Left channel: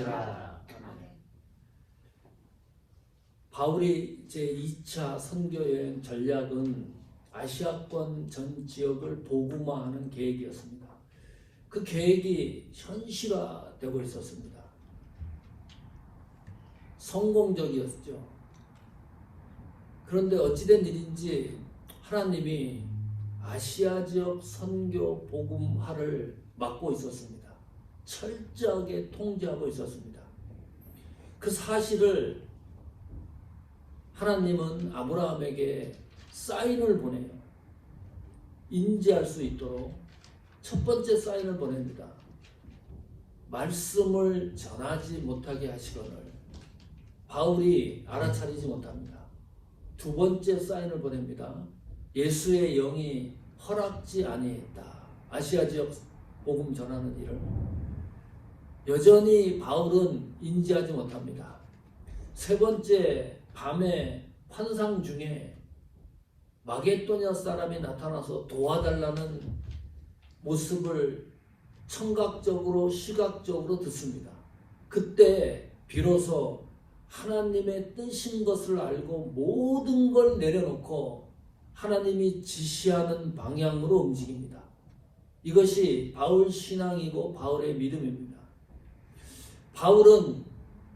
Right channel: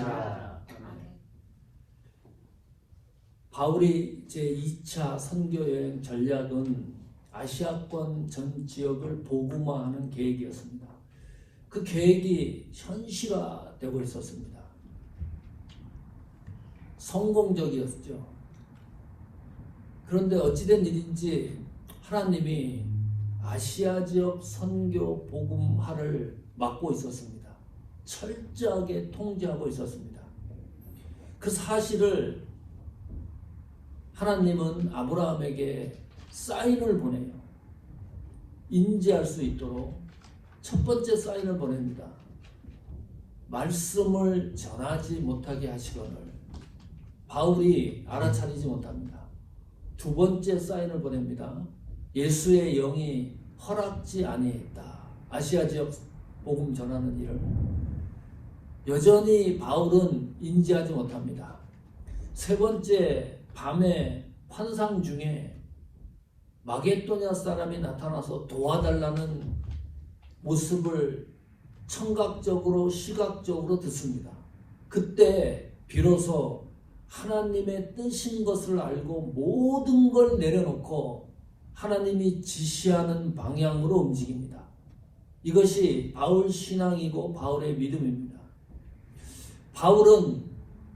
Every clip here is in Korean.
되는지라. 바울이 제2차 선교여행 전략은 아시아권 전 지역을 복음화하는 계획이었습니다. 그 계획이 현실화되고 있었습니다. 성공적이었죠. 그런데 어찌된 일인지 하나님이 아시아 지역 선교 복음화를 맡고 있었습니다. 철저하게 통제하고 있었습니다. 그 사실을 하나님은 아브라함에게 사인을 보내요. 인지할 수 있도록 첫 번째 사인을 보냅니다. 말씀을 전하지 못하게 하시거늘 바울이 알아차리지 못합니다. 두 번째 사인을 보냅니다. 예수의 영이 허락지 아니했다. 아시아 지역 복음 전하는 일을 여전히 바울은 인지하지 못합니다. 세 번째, 밤에 환상 중에 마게도냐 사람이 나타나서 도와달라는 모습을 청각적으로 시각적으로 듣습니다. 그때 비로소 하나님의 뜻인 것을 알고 모든 걸 내려놓고 하나님이 지시하는 방향으로 움직입니다. 이것이 바울 신앙이고 바울의 믿음입니다. 바울은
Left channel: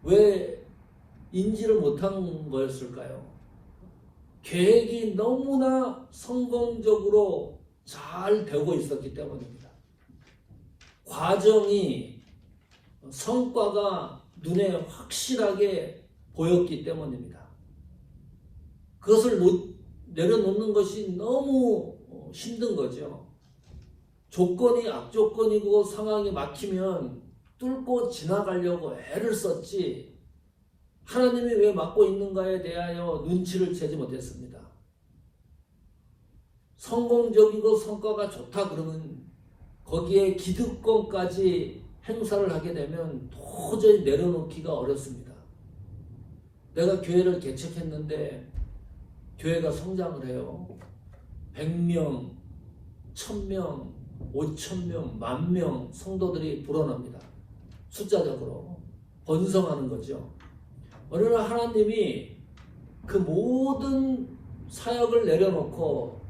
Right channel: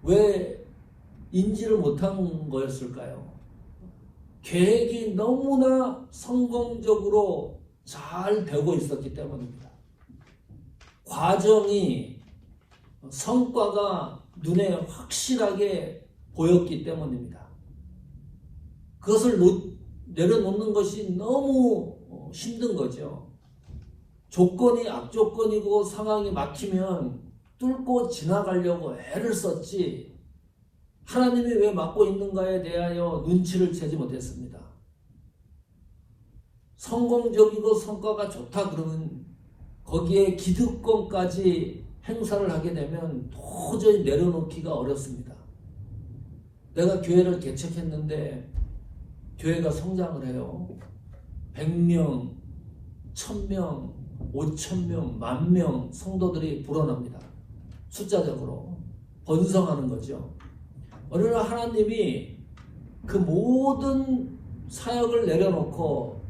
왜 인지를 못한 거였을까요? 계획이 너무나 성공적으로 잘 되고 있었기 때문입니다. 과정이 성과가 눈에 확실하게 보였기 때문입니다. 그것을 내려놓는 것이 너무 힘든 거죠. 조건이 악조건이고 상황이 막히면 뚫고 지나가려고 애를 썼지 하나님이 왜 막고 있는가에 대하여 눈치를 채지 못했습니다. 성공적이고 성과가 좋다 그러면 거기에 기득권까지 행사를 하게 되면 도저히 내려놓기가 어렵습니다. 내가 교회를 개척했는데 교회가 성장을 해요. 100명, 1000명, 5000명, 10,000명 성도들이 불어납니다. 숫자적으로 번성하는 거죠. 어느 날 하나님이 그 모든 사역을 내려놓고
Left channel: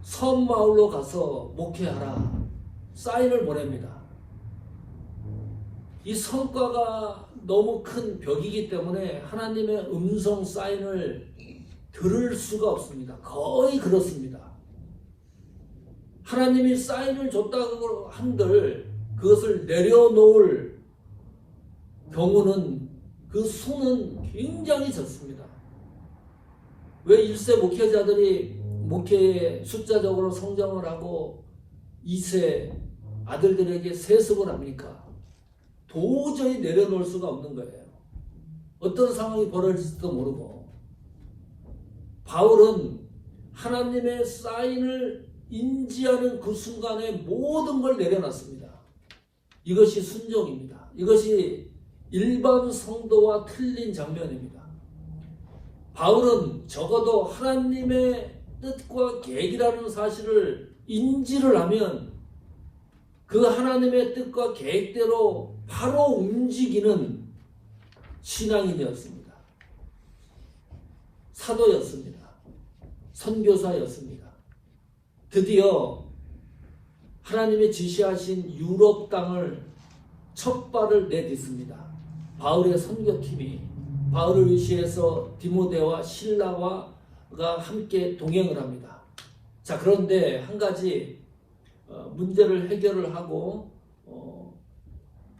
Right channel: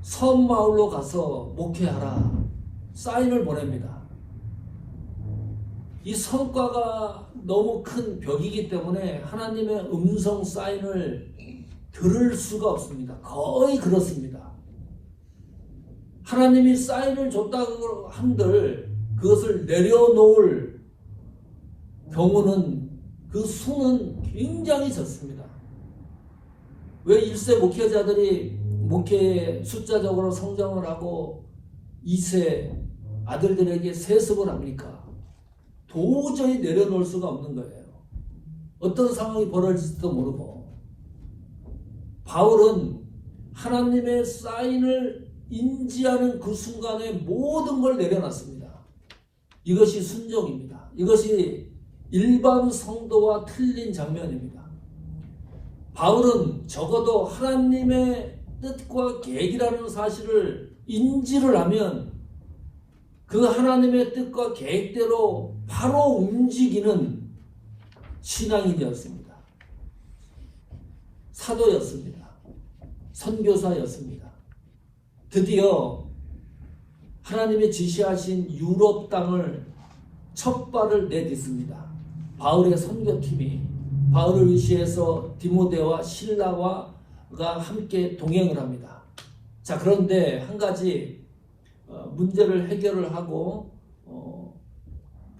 섬 마을로 가서 목회하라 사인을 보냅니다. 이 성과가 너무 큰 벽이기 때문에 하나님의 음성 사인을 들을 수가 없습니다. 거의 그렇습니다. 하나님이 사인을 줬다고 한들 그것을 내려놓을 경우는 그 수는 굉장히 적습니다. 왜 1세 목회자들이 목회에 숫자적으로 성장을 하고 2세 아들들에게 세습을 합니까? 도저히 내려놓을 수가 없는 거예요. 어떤 상황이 벌어질지도 모르고. 바울은 하나님의 사인을 인지하는 그 순간에 모든 걸 내려놨습니다. 이것이 순종입니다. 이것이 일반 성도와 틀린 장면입니다. 바울은 적어도 하나님의 뜻과 계획이라는 사실을 인지를 하면 그 하나님의 뜻과 계획대로 바로 움직이는 신앙인이었습니다. 사도였습니다. 선교사였습니다. 드디어 하나님이 지시하신 유럽 땅을 첫 발을 내딛습니다. 바울의 선교팀이 바울을 위시해서 디모데와 실라가 함께 동행을 합니다. 자, 그런데 한 가지 문제를 해결을 하고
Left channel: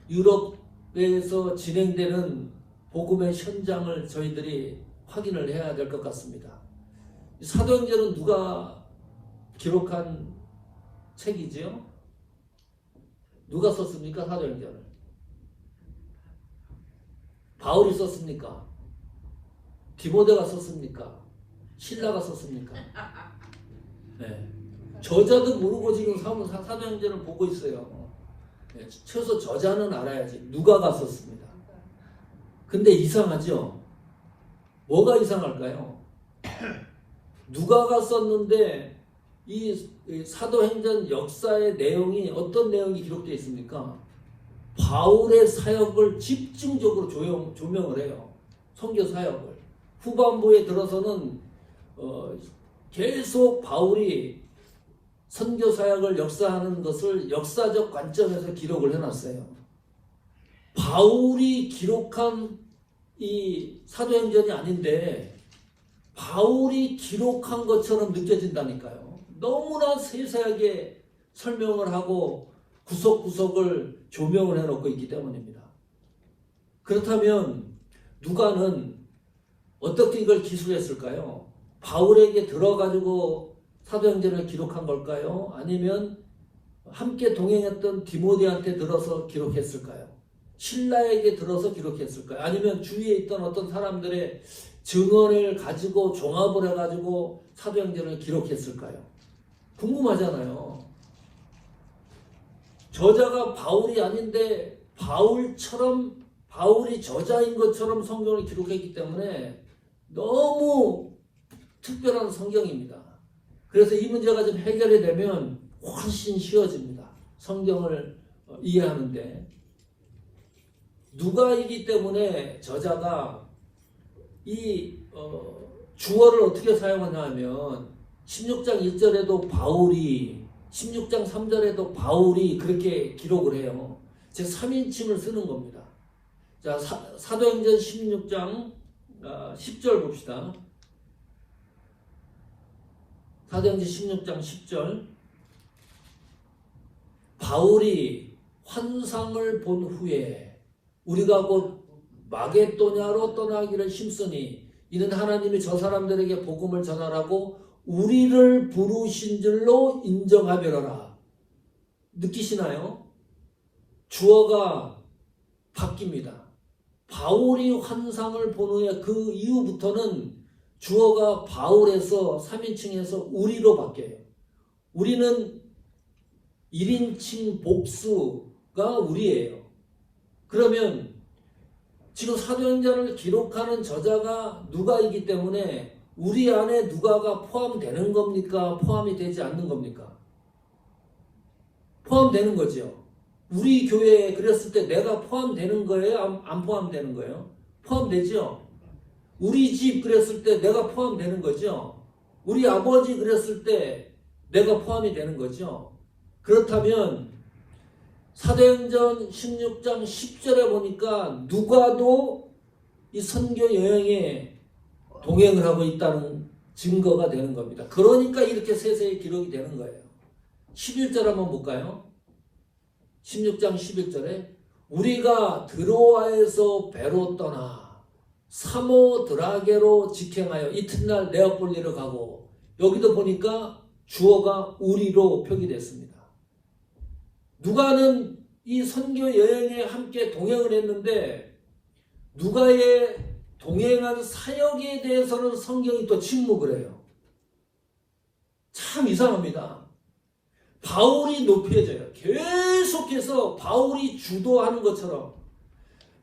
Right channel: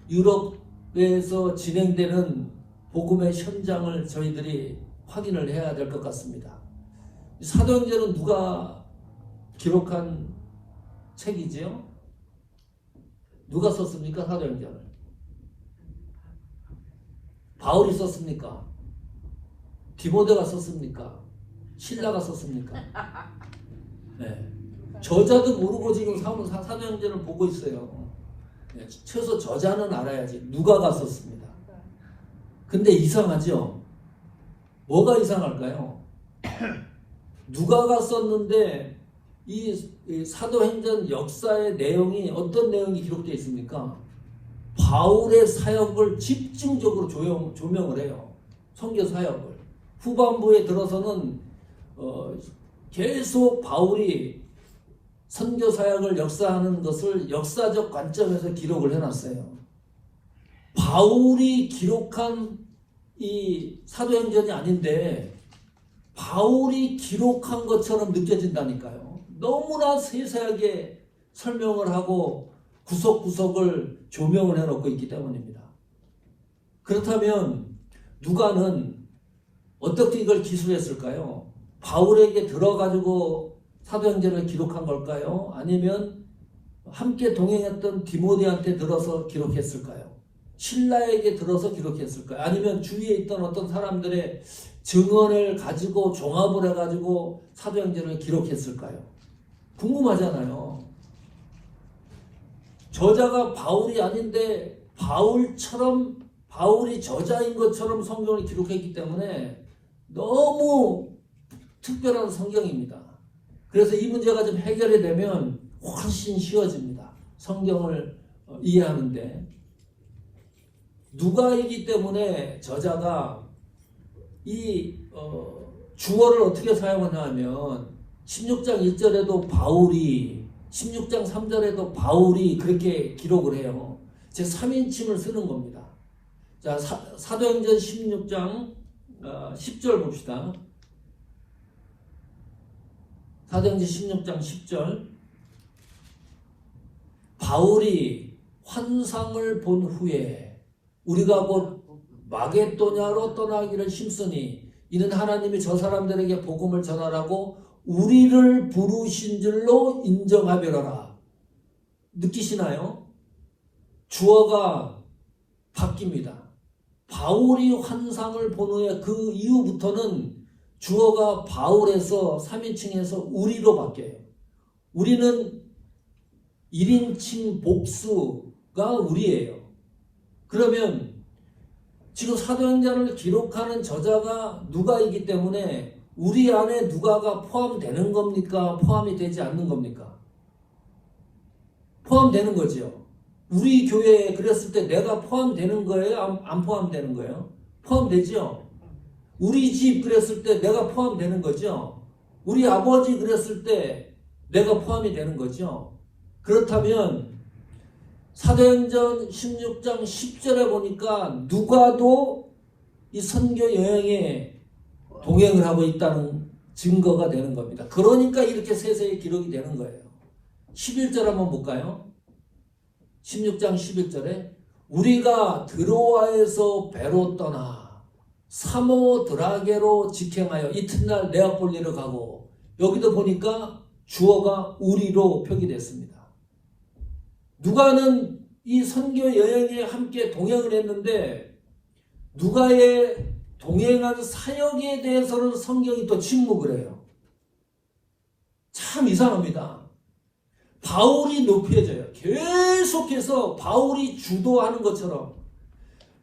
유럽에서 진행되는 복음의 현장을 저희들이 확인을 해야 될 것 같습니다. 사도행전은 누가 기록한 책이지요? 누가 썼습니까? 사도행전을. 바울이 썼습니까? 디모데가 썼습니까? 실라가 썼습니까? 네. 저자도 모르고 지금 사도행전을 보고 있어요. 네. 최소 저자는 알아야지. 누가가 썼습니다. 근데 이상하죠? 뭐가 이상할까요? 누가가 썼는데 이 사도행전 역사의 내용이 어떤 내용이 기록되어 있습니까? 바울의 사역을 집중적으로 조명을 해요. 선교 사역을. 후반부에 들어서는 계속 바울이 선교 사역을 역사하는 것을 역사적 관점에서 기록을 해놨어요. 바울이 기록한 이 사도행전이 아닌데 바울이 기록한 것처럼 느껴진다니까요. 너무나 세세하게 설명을 하고 구석구석을 조명을 해놓고 있기 때문입니다. 그렇다면 누가는 어떻게 이걸 기술했을까요? 바울에게 들어가지고 사도행전을 기록한 걸까요? 아니면 함께 동행했던 디모데한테 들어서 기록했을까요? 신라에게 들어서 기록했을까요? 아니면 주위에 있던 어떤 사람들의 증언을 가지고 종합을 해가지고 사도행전을 기록했을까요? 궁금하잖아요. 저자가 바울이 아닌데 바울이 저자인 것처럼 성경을 기록했기 때문에 너무 특별한 성경입니다. 그래서 이 문제가 좀 해결이 되면 훨씬 쉬워집니다. 성경을 이해하는데. 누가이기 때문에 저자가 이 주어를 어떻게 사용하냐 하면 16장 1절에도 바울이 16장 3절에도 바울이 그렇게 기록을 해요. 즉 3인칭을 쓰는 겁니다. 자, 사도행전 16장 10절 봅시다. 사도행전 16장 10절. 바울이 환상을 본 후에 우리가 곧 마게도냐로 떠나기를 힘쓰니 이는 하나님이 저 사람들에게 복음을 전하라고 우리를 부르신 줄로 인정하며라. 느끼시나요? 주어가 바뀝니다. 바울이 환상을 본 후에 그 이후부터는 주어가 바울에서 3인칭에서 우리로 바뀌어요. 우리는 1인칭 복수가 우리예요. 그러면 지금 사도행전을 기록하는 저자가 누가이기 때문에 우리 안에 누가가 포함되는 겁니까? 포함이 되지 않는 겁니까? 포함되는 거죠. 우리 교회에 그랬을 때 내가 포함되는 거예요? 안 포함되는 거예요? 포함되죠. 우리 집 그랬을 때 내가 포함되는 거죠. 우리 아버지 그랬을 때 내가 포함이 되는 거죠. 그렇다면 사도행전 16장 10절에 보니까 누가도 이 선교 여행에 동행을 하고 있다는 증거가 되는 겁니다. 그러니까 이렇게 세세히 기록이 되는 거예요. 11절 한번 볼까요? 16장 11절에 우리가 드로아에서 배로 떠나 사모드라게로 직행하여 이튿날 네아폴리로 가고, 여기도 보니까 주어가 우리로 표기됐습니다. 누가는 이 선교 여행에 함께 동행을 했는데 누가의 동행한 사역에 대해서는 성경이 또 침묵을 해요. 참 이상합니다. 바울이 높여져요. 계속해서 바울이 주도하는 것처럼.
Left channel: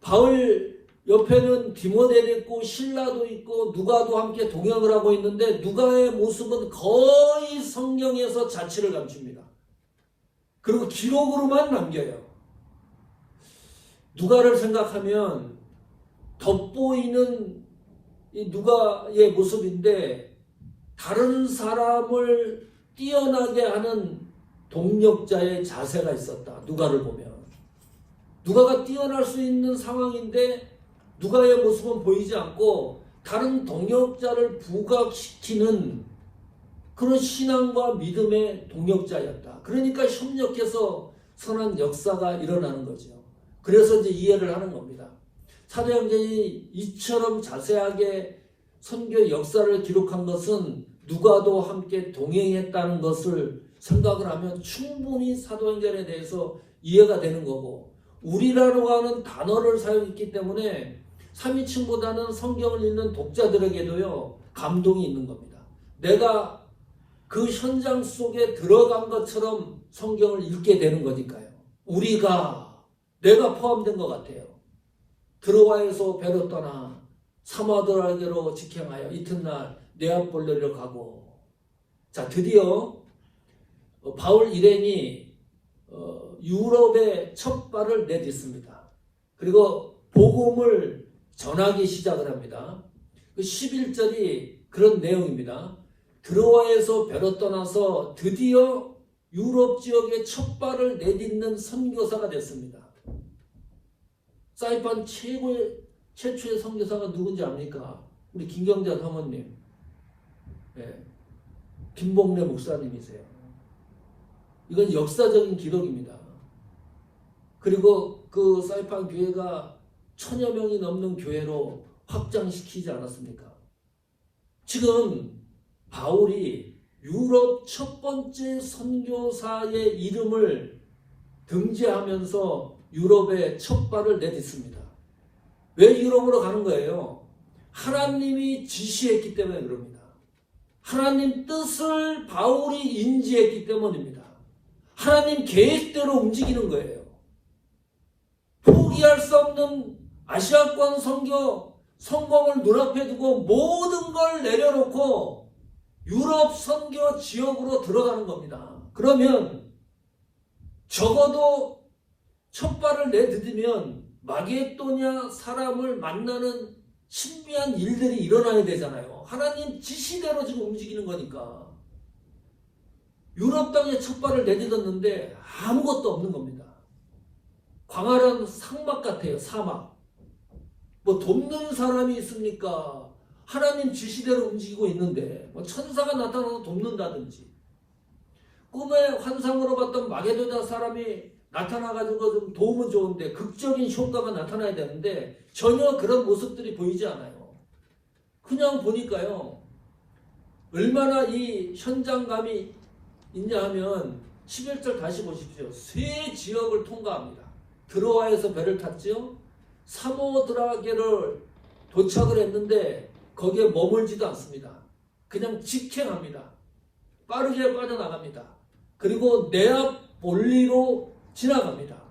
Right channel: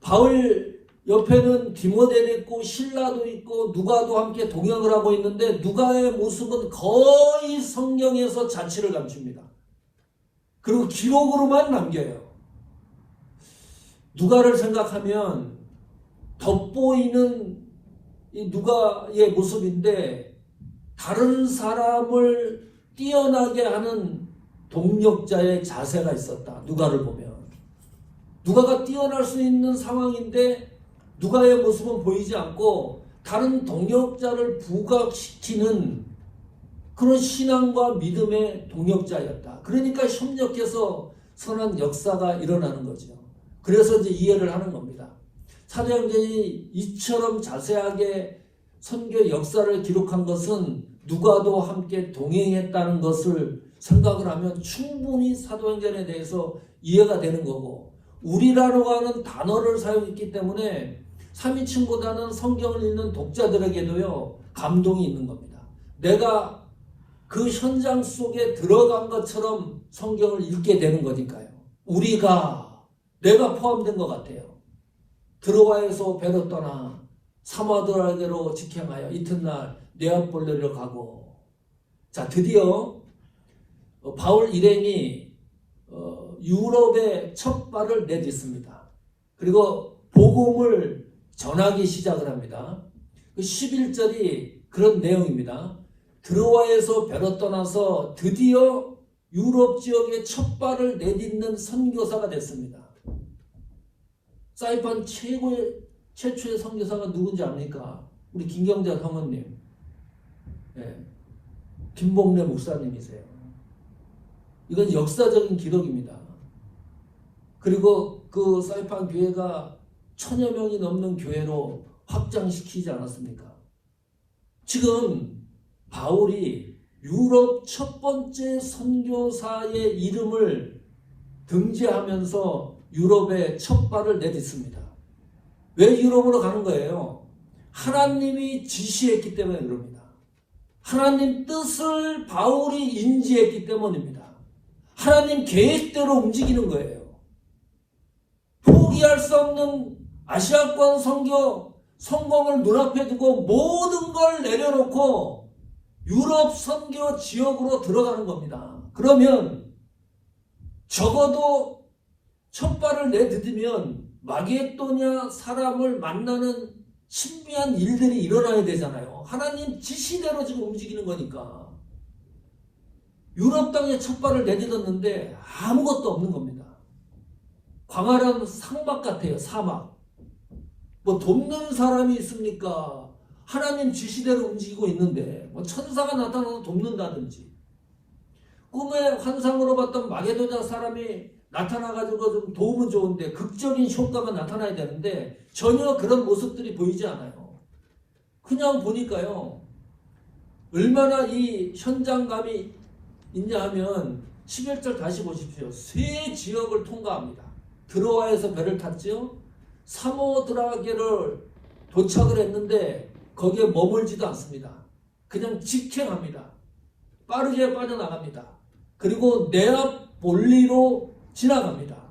바울 옆에는 디모데도 있고 신라도 있고 누가도 함께 동행을 하고 있는데 누가의 모습은 거의 성경에서 자취를 감춥니다. 그리고 기록으로만 남겨요. 누가를 생각하면 돋보이는 이 누가의 모습인데 다른 사람을 뛰어나게 하는 동력자의 자세가 있었다. 누가를 보면. 누가가 뛰어날 수 있는 상황인데 누가의 모습은 보이지 않고 다른 동력자를 부각시키는 그런 신앙과 믿음의 동력자였다. 그러니까 협력해서 선한 역사가 일어나는 거죠. 그래서 이제 이해를 하는 겁니다. 사도행전이 이처럼 자세하게 선교 역사를 기록한 것은 누가도 함께 동행했다는 것을 생각을 하면 충분히 사도행전에 대해서 이해가 되는 거고, 우리라고 하는 단어를 사용했기 때문에 3인칭보다는 성경을 읽는 독자들에게도요 감동이 있는 겁니다. 내가 그 현장 속에 들어간 것처럼 성경을 읽게 되는 거니까요. 내가 포함된 것 같아요. 드로아에서 배로 떠나 사모드라게로 직행하여 이튿날 네아폴리로 가고, 자 드디어 바울 일행이 유럽에 첫 발을 내딛습니다. 그리고 복음을 전하기 시작을 합니다. 그 11절이 그런 내용입니다. 드로아에서 배로 떠나서 드디어 유럽 지역에 첫 발을 내딛는 선교사가 됐습니다. 사이판 최초의 선교사가 누군지 압니까? 우리 김경자 사모님, 네. 김봉래 목사님이세요. 이건 역사적인 기록입니다. 그리고 그 사이판 교회가 1000여 명이 넘는 교회로 확장시키지 않았습니까? 지금 바울이 유럽 첫 번째 선교사의 이름을 등재하면서 유럽에 첫 발을 내딛습니다. 왜 유럽으로 가는 거예요? 하나님이 지시했기 때문에 그럽니다. 하나님 뜻을 바울이 인지했기 때문입니다. 하나님 계획대로 움직이는 거예요. 포기할 수 없는 아시아권 선교 성공을 눈앞에 두고 모든 걸 내려놓고 유럽 선교 지역으로 들어가는 겁니다. 그러면 적어도 첫 발을 내딛으면 마게도냐 사람을 만나는 신비한 일들이 일어나야 되잖아요. 하나님 지시대로 지금 움직이는 거니까. 유럽 땅에 첫 발을 내딛었는데 아무것도 없는 겁니다. 광활한 사막 같아요. 사막. 뭐 돕는 사람이 있습니까? 하나님 지시대로 움직이고 있는데 뭐 천사가 나타나서 돕는다든지 꿈의 환상으로 봤던 마게도냐 사람이 나타나가지고 좀 도움은 좋은데 극적인 효과만 나타나야 되는데 전혀 그런 모습들이 보이지 않아요. 그냥 보니까요. 얼마나 이 현장감이 있냐 하면 11절 다시 보십시오. 세 지역을 통과합니다. 드로아에서 배를 탔죠. 사모드라게를 도착을 했는데 거기에 머물지도 않습니다. 그냥 직행합니다. 빠르게 빠져나갑니다. 그리고 네아폴리로 지나갑니다.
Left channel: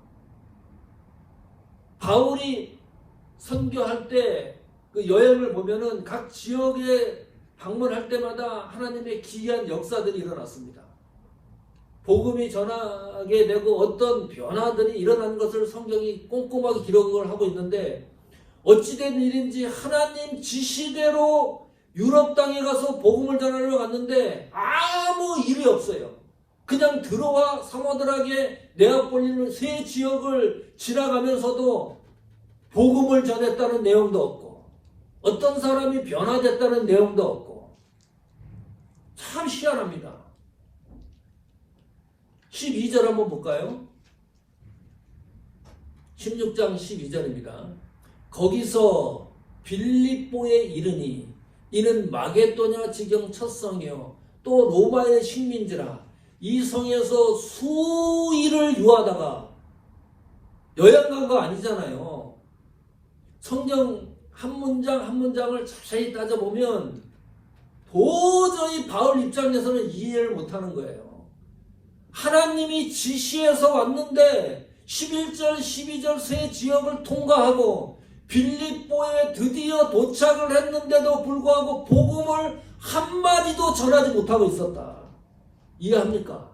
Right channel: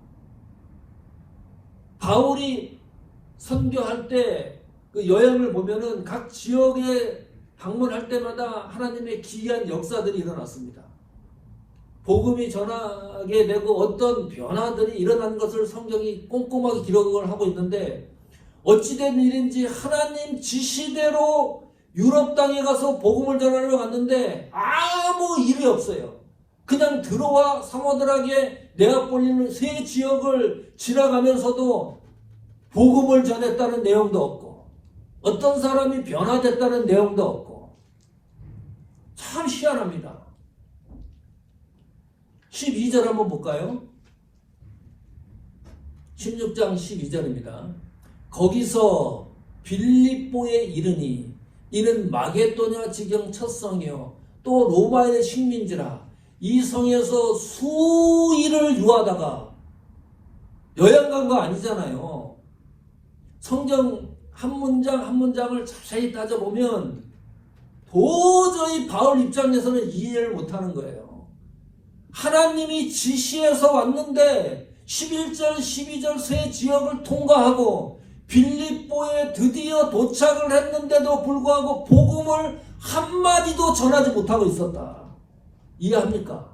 바울이 선교할 때 그 여행을 보면은 각 지역에 방문할 때마다 하나님의 기이한 역사들이 일어났습니다. 복음이 전하게 되고 어떤 변화들이 일어나는 것을 성경이 꼼꼼하게 기록을 하고 있는데 어찌된 일인지 하나님 지시대로 유럽 땅에 가서 복음을 전하러 갔는데 아무 일이 없어요. 그냥 들어와 사모들에게 네아폴리 세 지역을 지나가면서도 복음을 전했다는 내용도 없고 어떤 사람이 변화됐다는 내용도 없고 참 희한합니다. 12절 한번 볼까요? 16장 12절입니다. 거기서 빌립보에 이르니 이는 마게도냐 지경 첫 성이요 또 로마의 식민지라 이 성에서 수일을 유하다가 여행 간 거 아니잖아요. 성경 한 문장 한 문장을 자세히 따져보면 도저히 바울 입장에서는 이해를 못하는 거예요. 하나님이 지시해서 왔는데 11절 12절 세 지역을 통과하고 빌립보에 드디어 도착을 했는데도 불구하고 복음을 한마디도 전하지 못하고 있었다. 이해합니까?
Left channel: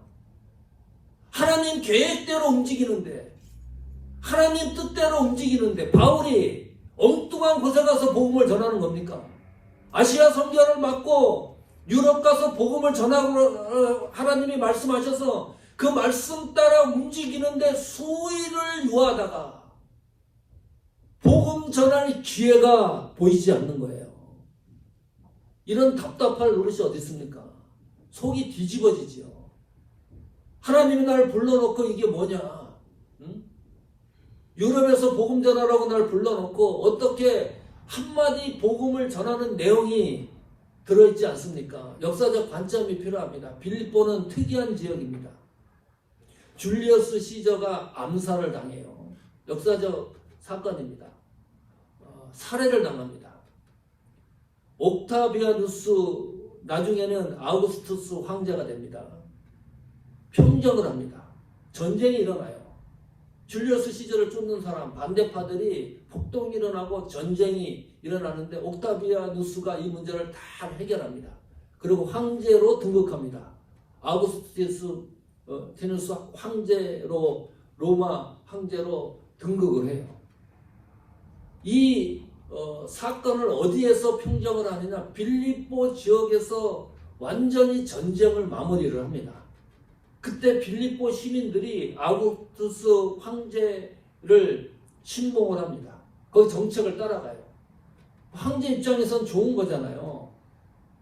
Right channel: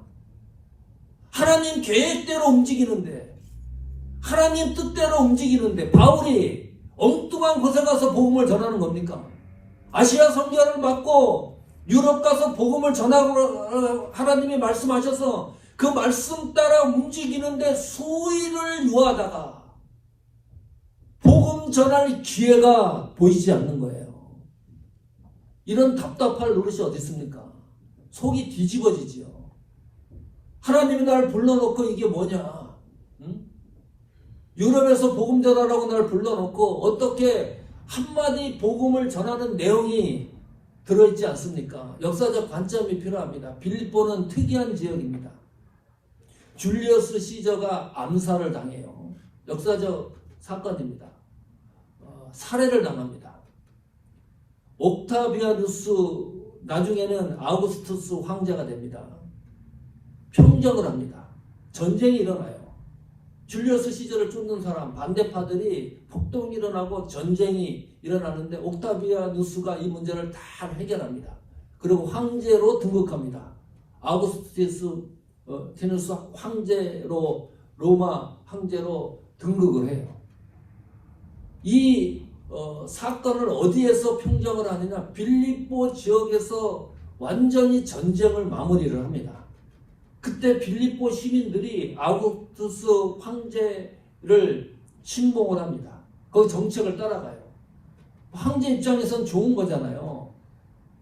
하나님 계획대로 움직이는데 하나님 뜻대로 움직이는데 바울이 엉뚱한 곳에 가서 복음을 전하는 겁니까? 아시아 선교를 맡고 유럽 가서 복음을 전하고 하나님이 말씀하셔서 그 말씀 따라 움직이는데 수일을 유하다가 복음 전할 기회가 보이지 않는 거예요. 이런 답답할 노릇이 어디 있습니까? 속이 뒤집어지지요. 하나님이 날 불러놓고 이게 뭐냐? 응? 유럽에서 복음 전하라고 날 불러놓고 어떻게 한마디 복음을 전하는 내용이 들어있지 않습니까? 역사적 관점이 필요합니다. 빌립보는 특이한 지역입니다. 줄리어스 시저가 암살을 당해요. 역사적 사건입니다. 살해를 당합니다. 옥타비아누스 나중에는 아우구스투스 황제가 됩니다. 평정을 합니다. 전쟁이 일어나요. 줄리어스 시저를 쫓는 사람 반대파들이 폭동이 일어나고 전쟁이 일어나는데 옥타비아누스가 이 문제를 다 해결합니다. 그리고 황제로 등극합니다. 아우구스투스 황제로 로마 황제로 등극을 해요. 이 사건을 어디에서 평정을 하느냐? 빌립보 지역에서 완전히 전쟁을 마무리를 합니다. 그때 빌립보 시민들이 아우구스투스 황제를 신봉을 합니다. 거기 정책을 따라가요. 황제 입장에선 좋은 거잖아요.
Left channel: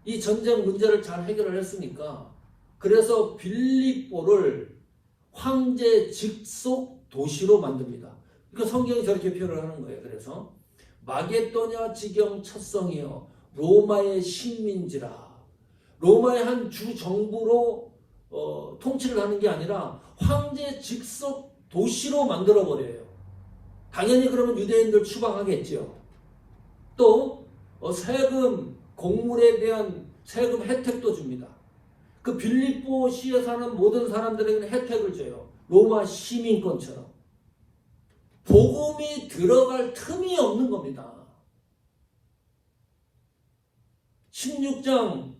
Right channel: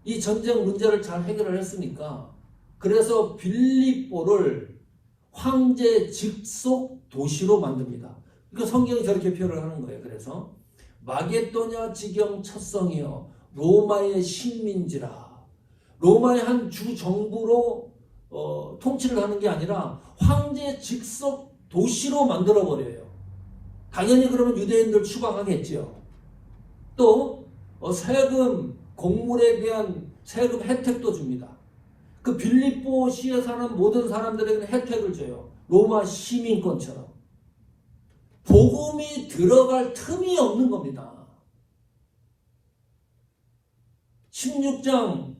이 전쟁 문제를 잘 해결을 했으니까. 그래서 빌립보를 황제 직속 도시로 만듭니다. 그 성경이 저렇게 표현을 하는 거예요. 그래서 마게도냐 지경 첫 성이여 로마의 식민지라. 로마의 한 주 정부로 통치를 하는 게 아니라 황제 직속 도시로 만들어 버려요. 당연히 그러면 유대인들 추방하겠죠. 또 세금, 공물에 대한 세금 혜택도 줍니다. 그 빌립보시에 사는 모든 사람들에게는 혜택을 줘요. 로마 시민권처럼. 복음이 들어갈 틈이 없는 겁니다. 16장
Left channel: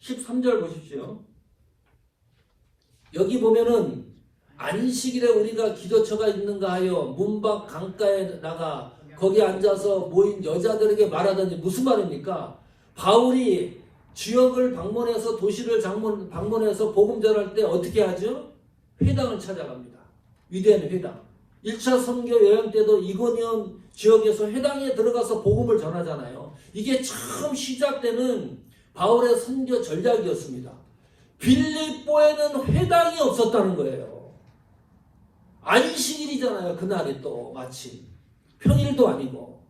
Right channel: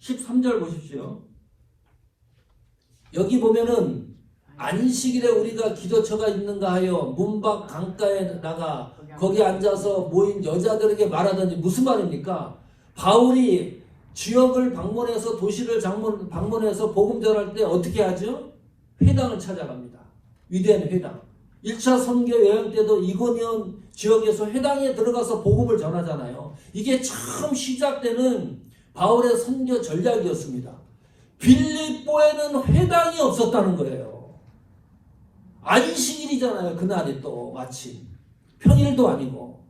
13절 보십시오. 여기 보면은 안식일에 우리가 기도처가 있는가 하여 문 밖 강가에 나가 거기 앉아서 모인 여자들에게 말하더니 무슨 말입니까? 바울이 지역을 방문해서 도시를 방문해서 복음 전할 때 어떻게 하죠? 회당을 찾아갑니다. 위대한 회당. 1차 선교 여행 때도 이고니온 지역에서 회당에 들어가서 복음을 전하잖아요. 이게 처음 시작되는 바울의 선교 전략이었습니다. 빌립보에는 회당이 없었다는 거예요. 안식일이잖아요. 그날이 또 마침. 평일도 아니고.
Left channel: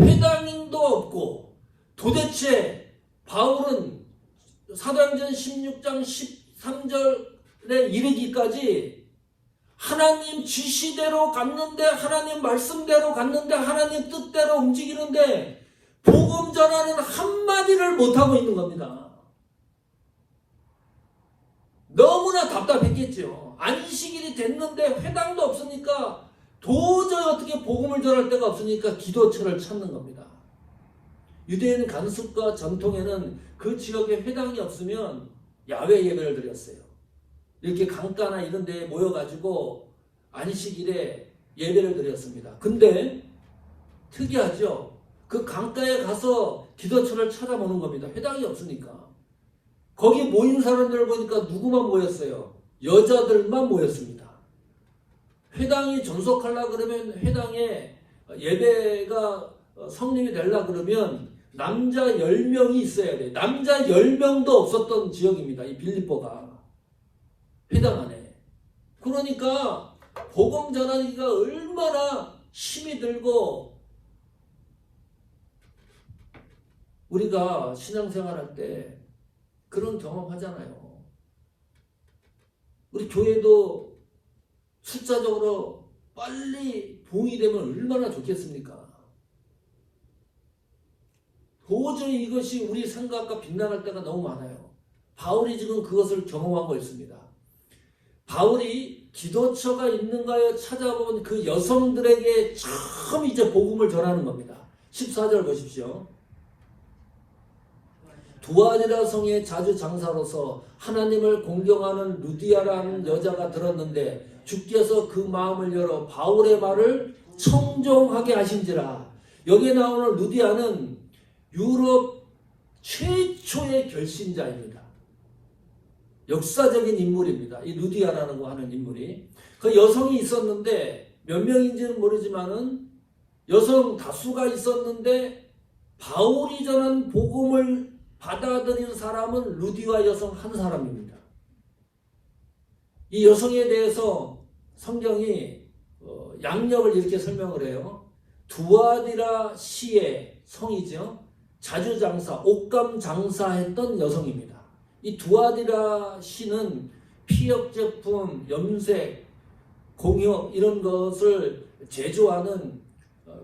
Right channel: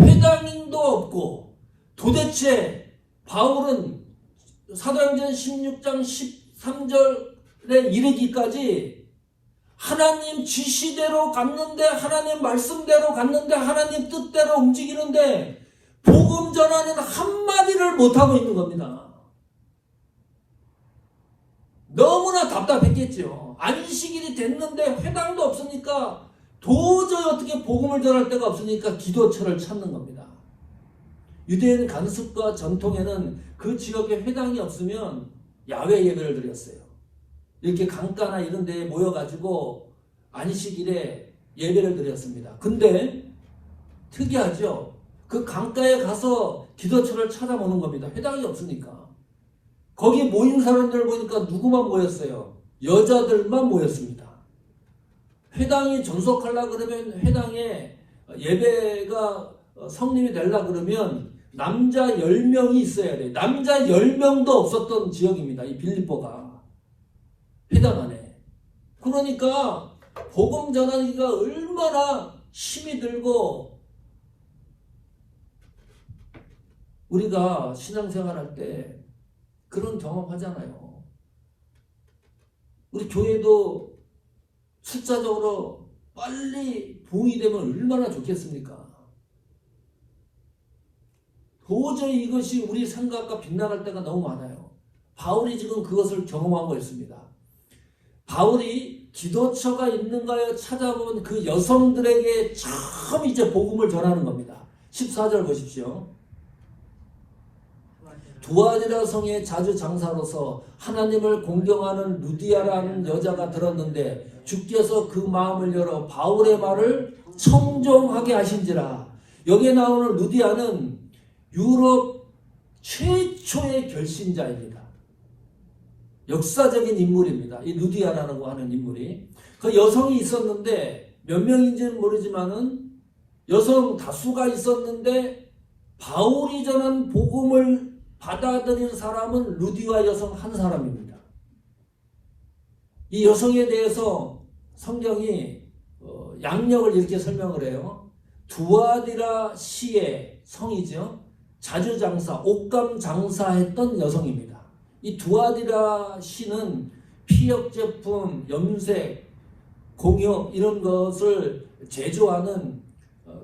회당도 없고. 도대체 바울은 사도행전 16장 13절에 이르기까지 하나님 지시대로 갔는데, 하나님 말씀대로 갔는데, 하나님 뜻대로 움직이는데 복음 전하는 한마디를 못하고 있는 겁니다. 너무나 답답했겠죠. 안식일이 됐는데 회당도 없으니까 도저히 어떻게 복음을 전할 데가 없으니까 기도처를 찾는 겁니다. 유대인 관습과 전통에는 그 지역에 회당이 없으면 야외 예배를 드렸어요. 이렇게 강가나 이런 데에 모여가지고 안식일에 예배를 드렸습니다. 근데 특이하죠. 그 강가에 가서 기도처를 찾아보는 겁니다. 회당이 없으니까. 거기 모인 사람들 보니까 누구만 모였어요? 여자들만 모였습니다. 회당이 존속하려고 그러면, 회당에 예배가 성립이 되려고 그러면 남자 10명이 있어야 돼요. 남자 10명도 없었던 지역입니다. 이 빌립보가. 회당 안에. 그러니까 복음 전하기가 얼마나 힘이 들고, 우리가 신앙생활할 때 그런 경험하잖아요. 우리 교회도 숫자적으로 빨리 부흥이 되면 얼마나 좋겠습니까? 도저히 이것이 우리 생각과 빗나갈 때가 너무 많아요. 바울이 지금 그것을 경험한 것입니다. 바울이 기도처가 있는가에 찾아본 그 여성들에게 처음 이제 복음을 전하는 겁니다. 14절 보십시오. 두아디라 성의 자주 장사로서 하나님을 공경하는 루디아라는 여자가 들었는데 주께서 그 마음을 열어 바울의 말을 청종하게 하신지라. 여기에 나오는 루디아는 유럽 최초의 결신자입니다. 역사적인 인물입니다. 이 루디아라고 하는 인물이. 그 여성이 있었는데 몇 명인지는 모르지만은 여성 다수가 있었는데 바울이 전한 복음을 받아들인 사람은 루디아 여성 한 사람입니다. 이 여성에 대해서 성경이 양력을 이렇게 설명을 해요. 두아디라 시의 성이죠. 자주장사, 옷감 장사했던 여성입니다. 이 두아디라 시는 피혁 제품, 염색, 공역 이런 것을 제조하는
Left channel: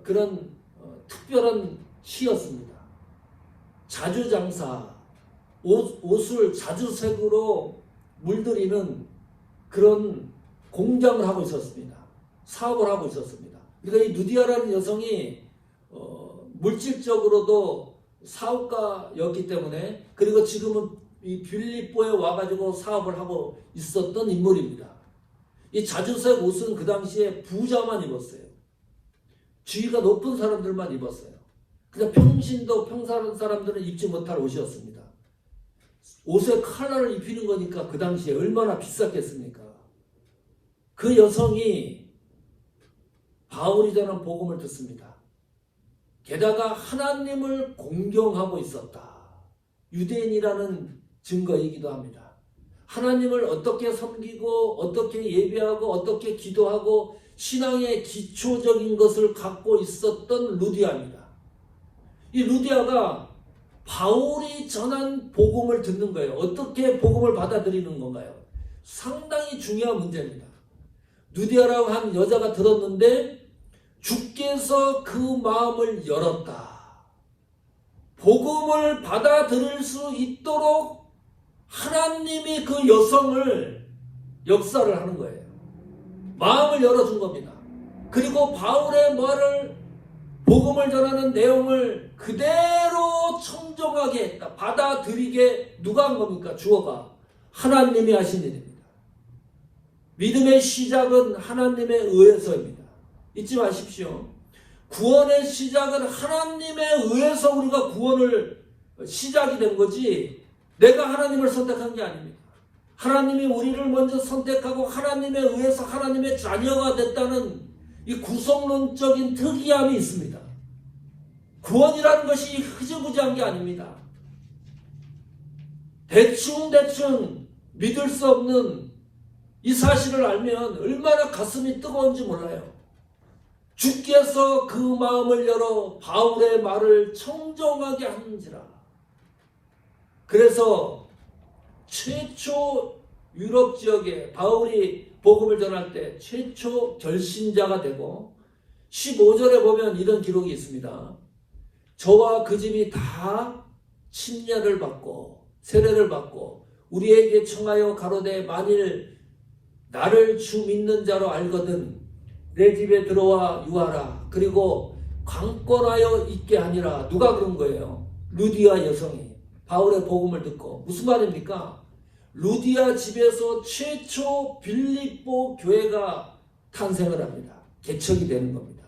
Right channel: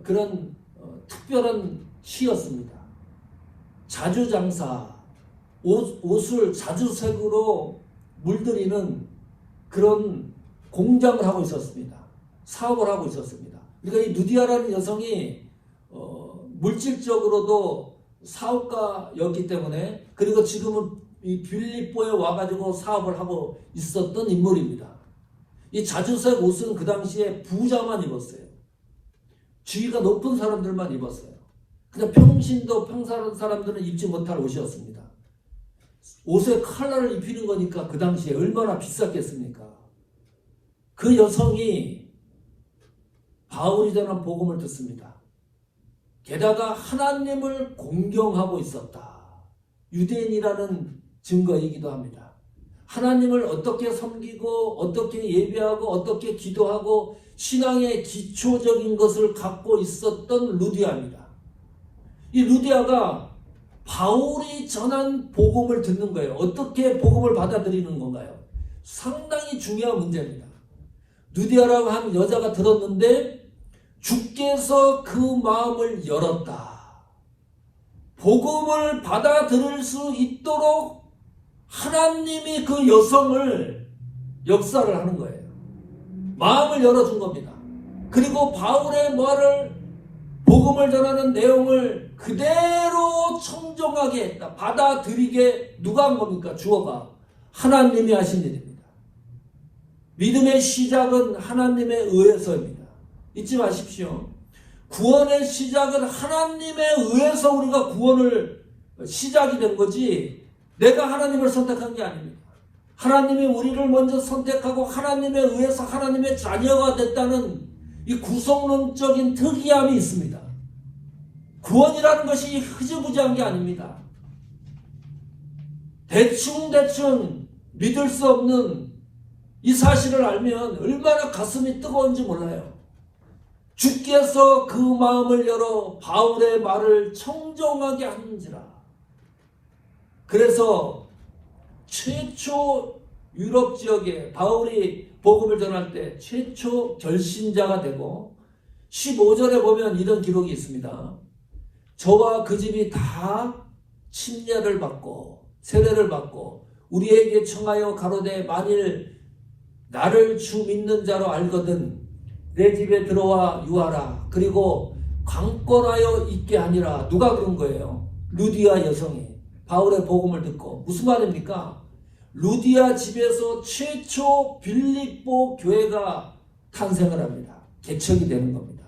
그런 특별한 시였습니다. 자주장사, 옷을 자주색으로 물들이는 그런 공장을 하고 있었습니다. 사업을 하고 있었습니다. 그러니까 이 루디아라는 여성이 물질적으로도 사업가였기 때문에, 그리고 지금은 이 빌립보에 와가지고 사업을 하고 있었던 인물입니다. 이 자주색 옷은 그 당시에 부자만 입었어요. 지위가 높은 사람들만 입었어요. 그냥 평신도 평사한 사람들은 입지 못할 옷이었습니다. 옷에 컬러를 입히는 거니까 그 당시에 얼마나 비쌌겠습니까? 그 여성이 바울이 전한 복음을 듣습니다. 게다가 하나님을 공경하고 있었다. 유대인이라는 증거이기도 합니다. 하나님을 어떻게 섬기고 어떻게 예배하고 어떻게 기도하고 신앙의 기초적인 것을 갖고 있었던 루디아입니다. 이 루디아가 바울이 전한 복음을 듣는 거예요. 어떻게 복음을 받아들이는 건가요? 상당히 중요한 문제입니다. 루디아라고 한 여자가 들었는데 주께서 그 마음을 열었다. 복음을 받아들일 수 있도록 하나님이 그 여성을 역사를 하는 거예요. 마음을 열어준 겁니다. 그리고 바울의 말을 복음을 전하는 내용을 그대로 청정하게 했다. 받아들이게 누가 한 겁니까? 주어가 하나님이 하신 일입니다. 믿음의 시작은 하나님의 의에서입니다. 잊지 마십시오. 구원의 시작은 하나님에 의해서 우리가 구원을 시작이 된 거지 내가 하나님을 선택한 게 아닙니다. 하나님이 우리를 먼저 선택하고 하나님에 의해서 하나님의 자녀가 됐다는 이 구속론적인 특이함이 있습니다. 구원이라는 것이 흐지부지한 게 아닙니다. 대충 믿을 수 없는 이 사실을 알면 얼마나 가슴이 뜨거운지 몰라요. 주께서 그 마음을 열어 바울의 말을 청정하게 하는지라. 그래서 최초 유럽 지역에 바울이 복음을 전할 때 최초 결신자가 되고 15절에 보면 이런 기록이 있습니다. 저와 그 집이 다 침례를 받고 세례를 받고 우리에게 청하여 가로되 만일 나를 주 믿는 자로 알거든 내 집에 들어와 유하라. 그리고 강권하여 있게 하니라. 누가 그런 거예요? 루디아 여성이 바울의 복음을 듣고. 무슨 말입니까? 루디아 집에서 최초 빌립보 교회가 탄생을 합니다. 개척이 되는 겁니다.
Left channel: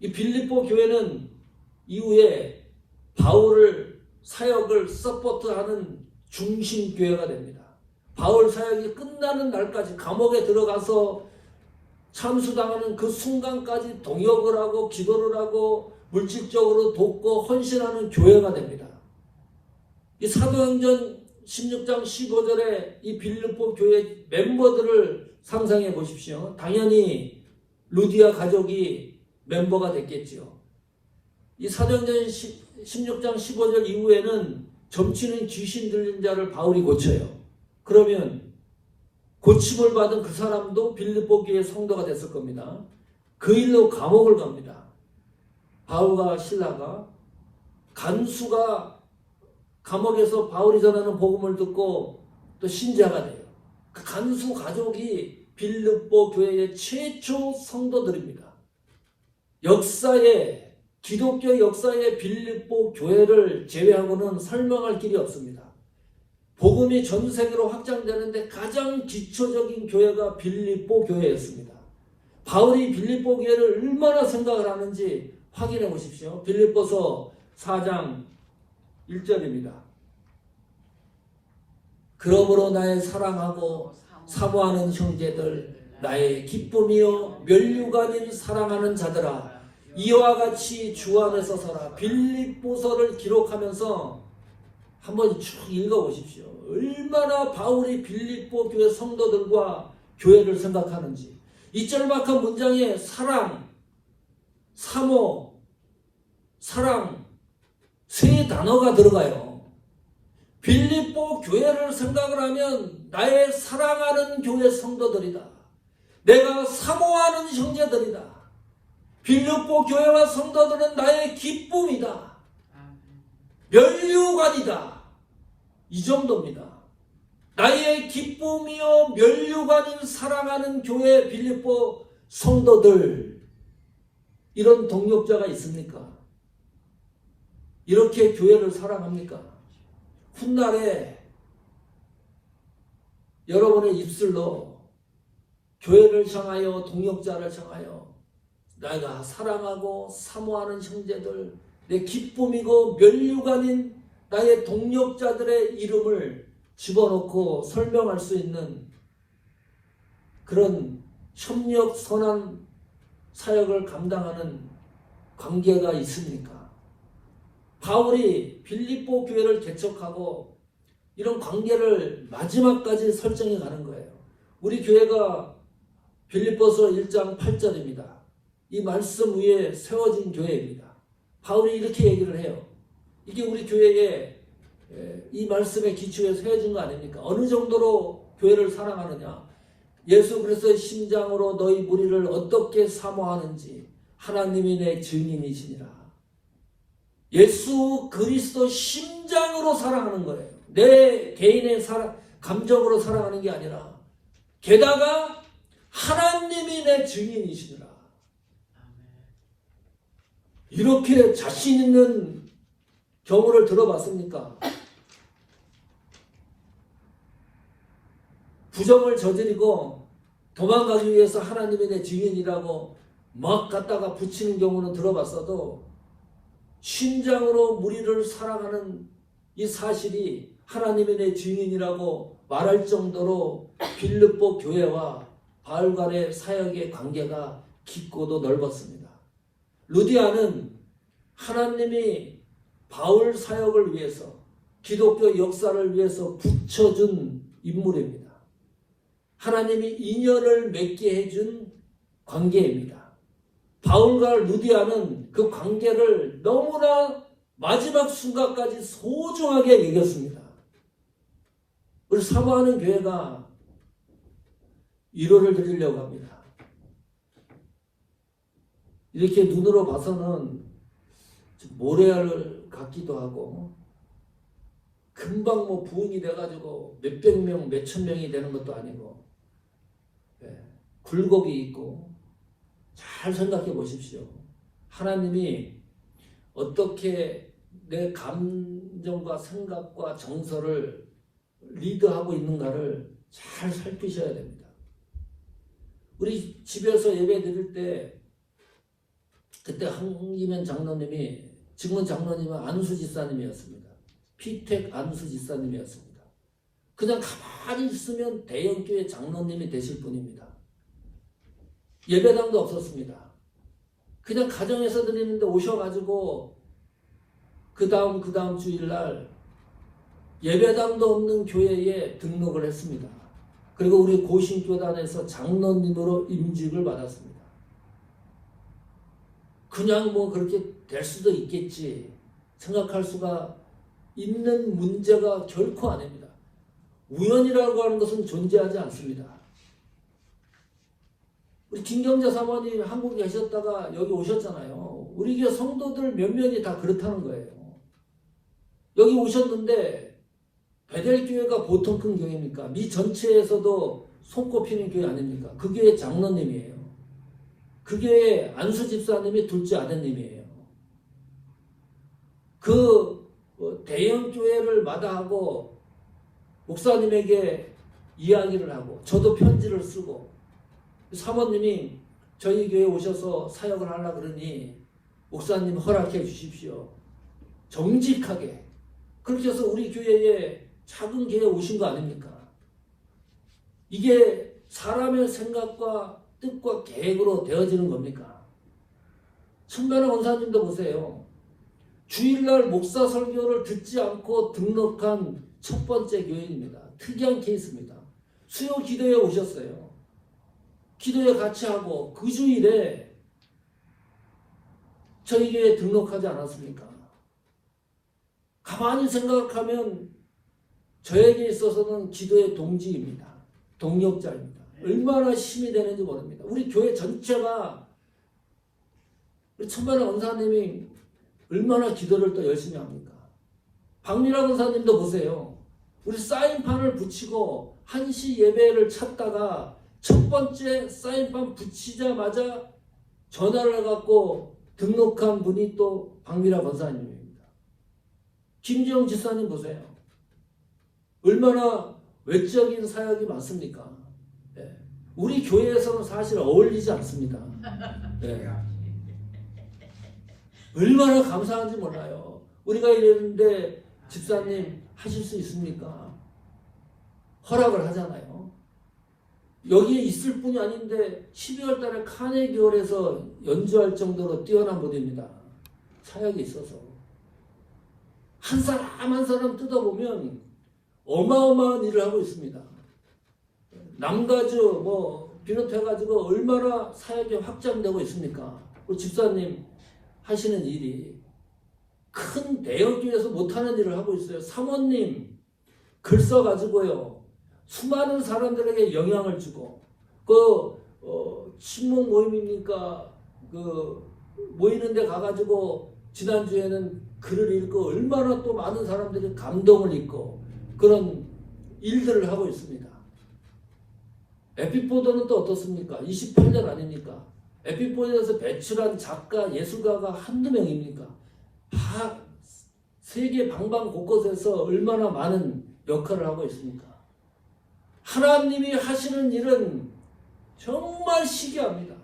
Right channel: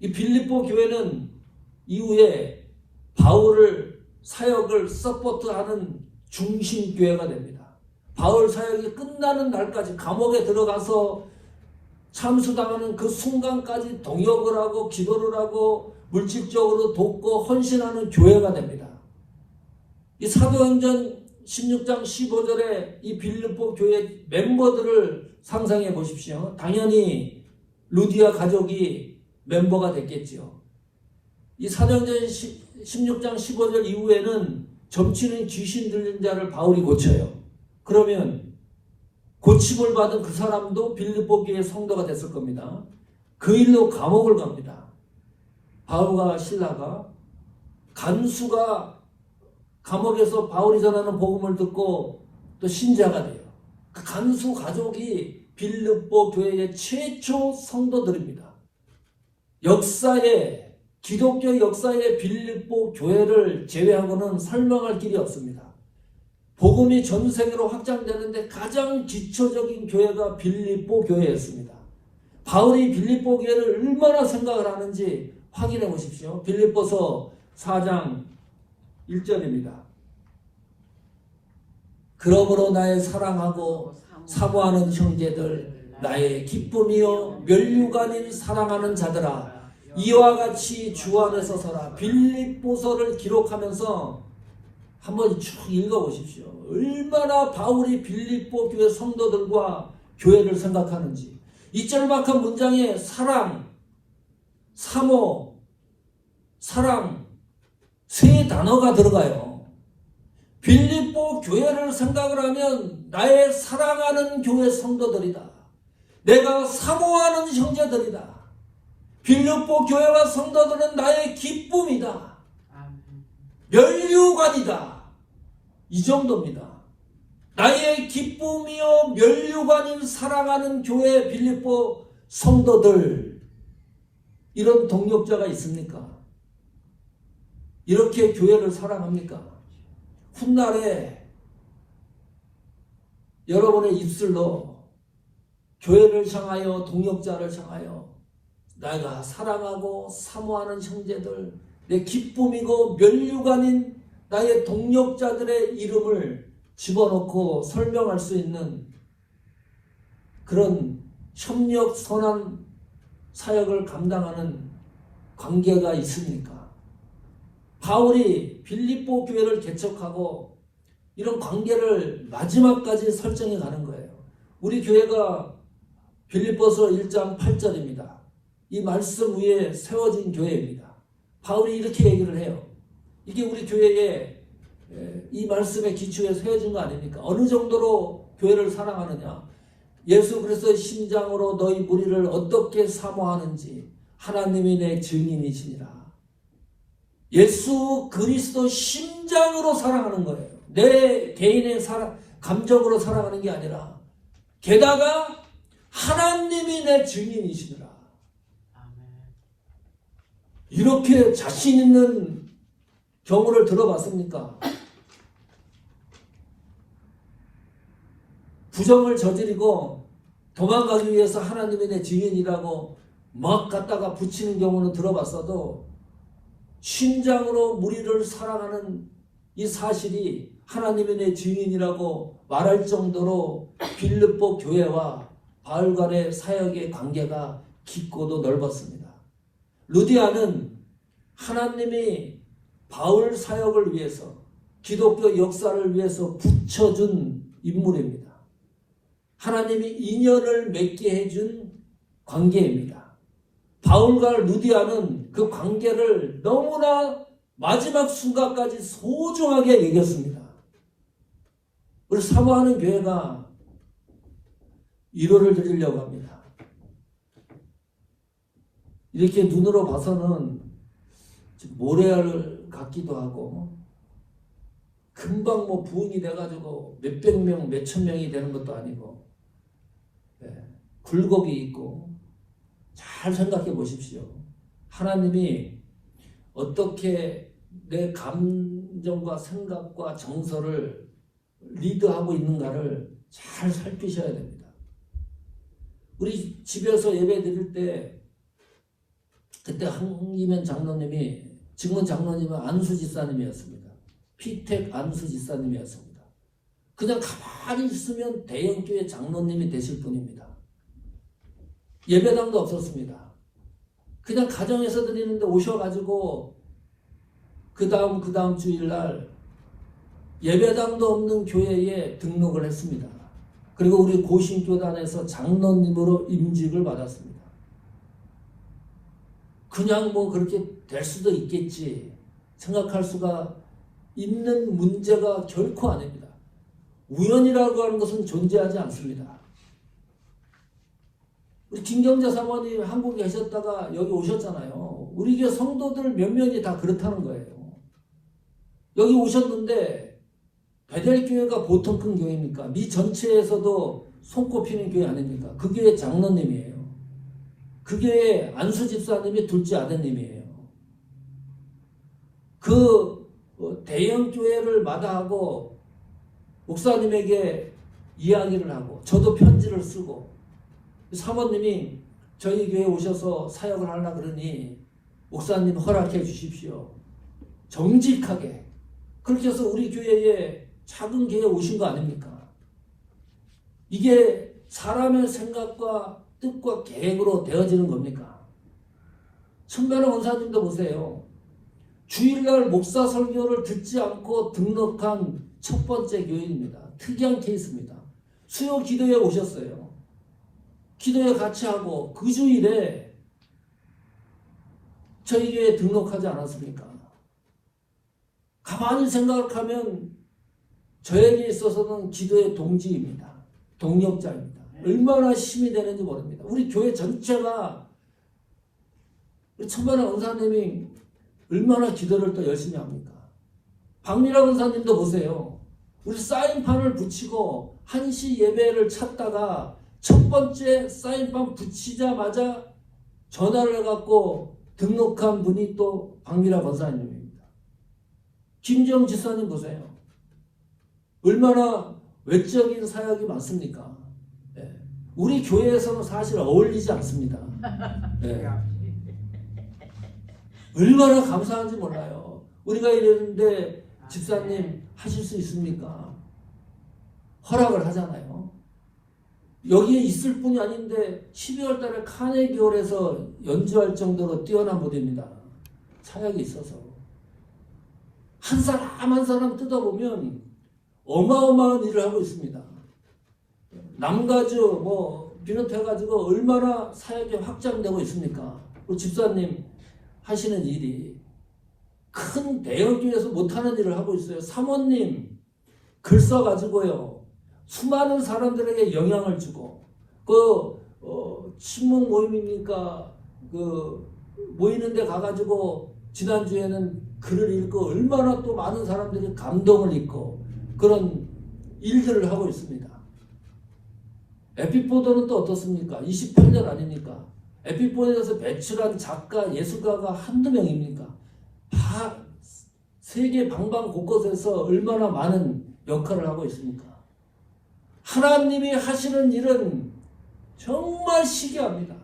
이 빌립보 교회는 이후에 바울을 사역을 서포트하는 중심 교회가 됩니다. 바울 사역이 끝나는 날까지 감옥에 들어가서 참수당하는 그 순간까지 동역을 하고 기도를 하고 물질적으로 돕고 헌신하는 교회가 됩니다. 이 사도행전 16장 15절에 이 빌립보 교회 멤버들을 상상해 보십시오. 당연히 루디아 가족이 멤버가 됐겠죠. 이 사도행전 16장 15절 이후에는 점치는 귀신 들린 자를 바울이 고쳐요. 그러면 고침을 받은 그 사람도 빌립보 교회 성도가 됐을 겁니다. 그 일로 감옥을 갑니다. 바울과 실라가. 간수가 감옥에서 바울이 전하는 복음을 듣고 또 신자가 돼요. 그 간수 가족이 빌립보 교회의 최초 성도들입니다. 기독교 역사의 빌립보 교회를 제외하고는 설명할 길이 없습니다. 복음이 전 세계로 확장되는데 가장 기초적인 교회가 빌립보 교회였습니다. 바울이 빌립보 교회를 얼마나 생각을 하는지 확인해 보십시오. 빌립보서 4장 1절입니다. 그러므로 나의 사랑하고 사모하는 형제들, 나의 기쁨이요 면류가 아닌 사랑하는 자들아, 이와 같이 주 안에서 서라. 빌립보서를 기록하면서 한번 쭉 읽어보십시오. 얼마나 바울이 빌립보 교회 성도들과 교회를 생각하는지. 이절막한 문장에 사랑, 사모, 사랑 세 단어가 들어가요. 빌립보 교회를 생각을 하면 나의 사랑하는 교회 성도들이다. 내가 사모하는 형제들이다. 빌립보 교회와 성도들은 나의 기쁨이다. 면류관이다. 이 정도입니다. 나의 기쁨이요 면류관인 사랑하는 교회 빌립보 성도들. 이런 동력자가 있습니까? 이렇게 교회를 사랑합니까? 훗날에 여러분의 입술로 교회를 향하여, 동역자를 향하여 내가 사랑하고 사모하는 형제들, 내 기쁨이고 면류관인 나의 동역자들의 이름을 집어넣고 설명할 수 있는 그런 협력 선한 사역을 감당하는 관계가 있습니까? 바울이 빌립보 교회를 개척하고 이런 관계를 마지막까지 설정해 가는 거예요. 우리 교회가 빌립보서 1장 8절입니다. 이 말씀 위에 세워진 교회입니다. 바울이 이렇게 얘기를 해요. 이게 우리 교회에 이 말씀의 기초에 세워진 거 아닙니까? 어느 정도로 교회를 사랑하느냐? 예수 그리스도의 심장으로 너희 무리를 어떻게 사모하는지 하나님이 내 증인이시니라. 예수 그리스도 심장으로 사랑하는 거예요. 내 개인의 감정으로 사랑하는 게 아니라 게다가 하나님이 내 증인이시니라. 이렇게 자신 있는 경우를 들어봤습니까? 부정을 저지르고 도망가기 위해서 하나님이 내 증인이라고 막 갖다가 붙이는 경우는 들어봤어도 심장으로 무리를 사랑하는 이 사실이 하나님이 내 증인이라고 말할 정도로 빌립보 교회와 바울 간의 사역의 관계가 깊고도 넓었습니다. 루디아는 하나님이 바울 사역을 위해서 기독교 역사를 위해서 붙여준 인물입니다. 하나님이 인연을 맺게 해준 관계입니다. 바울과 루디아는 그 관계를 너무나 마지막 순간까지 소중하게 여겼습니다. 우리 사모하는 교회가 위로를 드리려고 합니다. 이렇게 눈으로 봐서는 모래알 같기도 하고 금방 부흥이 돼가지고 몇백 명, 몇천 명이 되는 것도 아니고 굴곡이 있고 잘 생각해 보십시오. 하나님이 어떻게 내 감정과 생각과 정서를 리드하고 있는가를 잘 살피셔야 됩니다. 우리 집에서 예배 드릴 때 그때 한기면 장로님이, 지금은 장로님은 안수지사님이었습니다. 피택 안수지사님이었습니다. 그냥 가만히 있으면 대형교회 장로님이 되실 분입니다. 예배당도 없었습니다. 그냥 가정에서 드리는데 오셔가지고 그 다음 주일날 예배당도 없는 교회에 등록을 했습니다. 그리고 우리 고신교단에서 장로님으로 임직을 받았습니다. 그냥 그렇게 될 수도 있겠지 생각할 수가 있는 문제가 결코 아닙니다. 우연이라고 하는 것은 존재하지 않습니다. 우리 김경자 사모님 한국에 계셨다가 여기 오셨잖아요. 우리 교회 성도들 몇 명이 다 그렇다는 거예요. 여기 오셨는데 베델교회가 보통 큰 교회입니까? 미 전체에서도 손꼽히는 교회 아닙니까? 그 교회 장로님이에요. 그 교회 안수집사님이 둘째 아드님이에요. 그 대형 교회를 마다하고 목사님에게 이야기를 하고 저도 편지를 쓰고 사모님이 저희 교회에 오셔서 사역을 하려고 그러니 목사님 허락해 주십시오. 정직하게. 그렇게 해서 우리 교회에 작은 교회에 오신 거 아닙니까? 이게 사람의 생각과 뜻과 계획으로 되어지는 겁니까? 천변의 원사님도 보세요. 주일날 목사 설교를 듣지 않고 등록한 첫 번째 교회입니다. 특이한 케이스입니다. 수요 기도에 오셨어요. 기도회 같이 하고 그 주일에 저희 교회에 등록하지 않았습니까? 가만히 생각하면 저에게 있어서는 기도의 동지입니다. 동역자입니다. 얼마나 힘이 되는지 모릅니다. 우리 교회 전체가 우리 천만의 원사님이 얼마나 기도를 또 열심히 합니까? 박미라 원사님도 보세요. 우리 사인판을 붙이고 1시 예배를 찾다가 첫 번째 사인판 붙이자마자 전화를 해갖고 등록한 분이 또 박미라 권사님입니다. 김정 지사님 보세요. 얼마나 외적인 사역이 많습니까? 네. 우리 교회에서는 사실 어울리지 않습니다. 네. 얼마나 감사한지 몰라요. 우리가 이랬는데 집사님 하실 수 있습니까? 허락을 하잖아요. 여기에 있을 뿐이 아닌데 12월 달에 카네기홀에서 연주할 정도로 뛰어난 무대입니다. 사역이 있어서. 한 사람 한 사람 뜯어보면 어마어마한 일을 하고 있습니다. 남가주 비롯해가지고 얼마나 사역이 확장되고 있습니까? 우리 집사님 하시는 일이 큰 대형교회에서 못하는 일을 하고 있어요. 사모님 글 써가지고요 수많은 사람들에게 영향을 주고 친목 모임이니까 모이는 데 가가지고 지난주에는 글을 읽고 얼마나 또 많은 사람들이 감동을 읽고 그런 일들을 하고 있습니다. 에피포도는 또 어떻습니까? 28년 아닙니까? 에피포도에서 배출한 작가, 예술가가 한두 명입니까? 다 세계 방방 곳곳에서 얼마나 많은 역할을 하고 있습니까? 하나님이 하시는 일은 정말 시기합니다.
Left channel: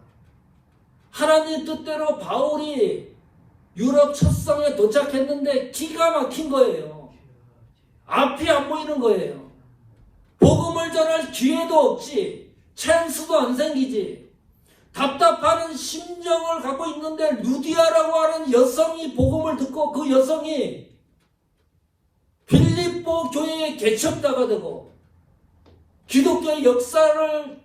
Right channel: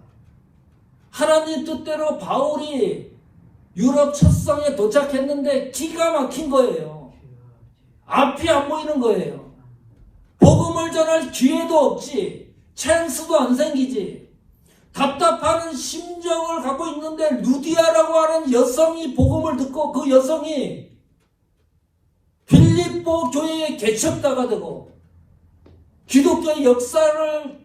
하나님 뜻대로 바울이 유럽 첫 성에 도착했는데 기가 막힌 거예요. 앞이 안 보이는 거예요. 복음을 전할 기회도 없지. 찬스도 안 생기지. 답답한 심정을 갖고 있는데 루디아라고 하는 여성이 복음을 듣고 그 여성이 빌립보 교회의 개척자가 되고 기독교의 역사를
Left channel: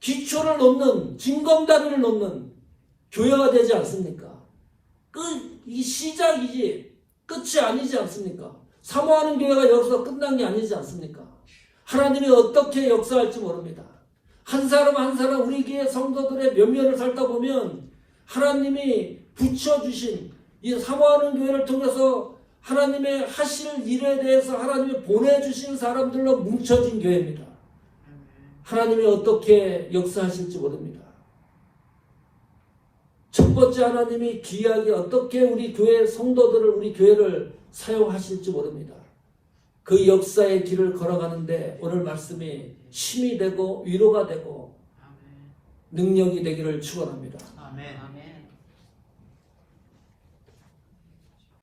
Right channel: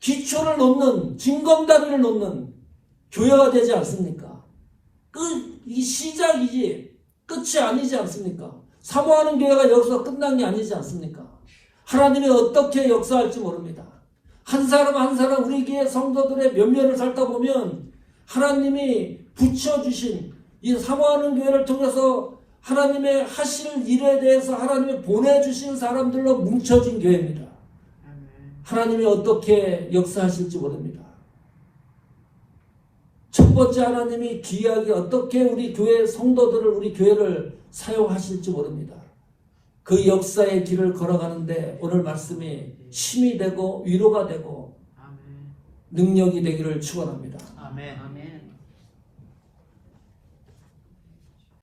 기초를 놓는 징검다리를 놓는 교회가 되지 않습니까? 이 시작이지 끝이 아니지 않습니까? 사모하는 교회가 여기서 끝난 게 아니지 않습니까? 하나님이 어떻게 역사할지 모릅니다. 한 사람 한 사람 우리 교회 성도들의 면면을 살다 보면 하나님이 붙여주신 이 사모하는 교회를 통해서 하나님의 하실 일에 대해서 하나님이 보내주신 사람들로 뭉쳐진 교회입니다. 하나님이 어떻게 역사하실지 모릅니다. 첫 번째 하나님이 귀하게 어떻게 우리 교회 성도들을 우리 교회를 사용하실지 모릅니다. 그 역사의 길을 걸어가는데 오늘 말씀이 힘이 되고 위로가 되고 능력이 되기를 축원합니다.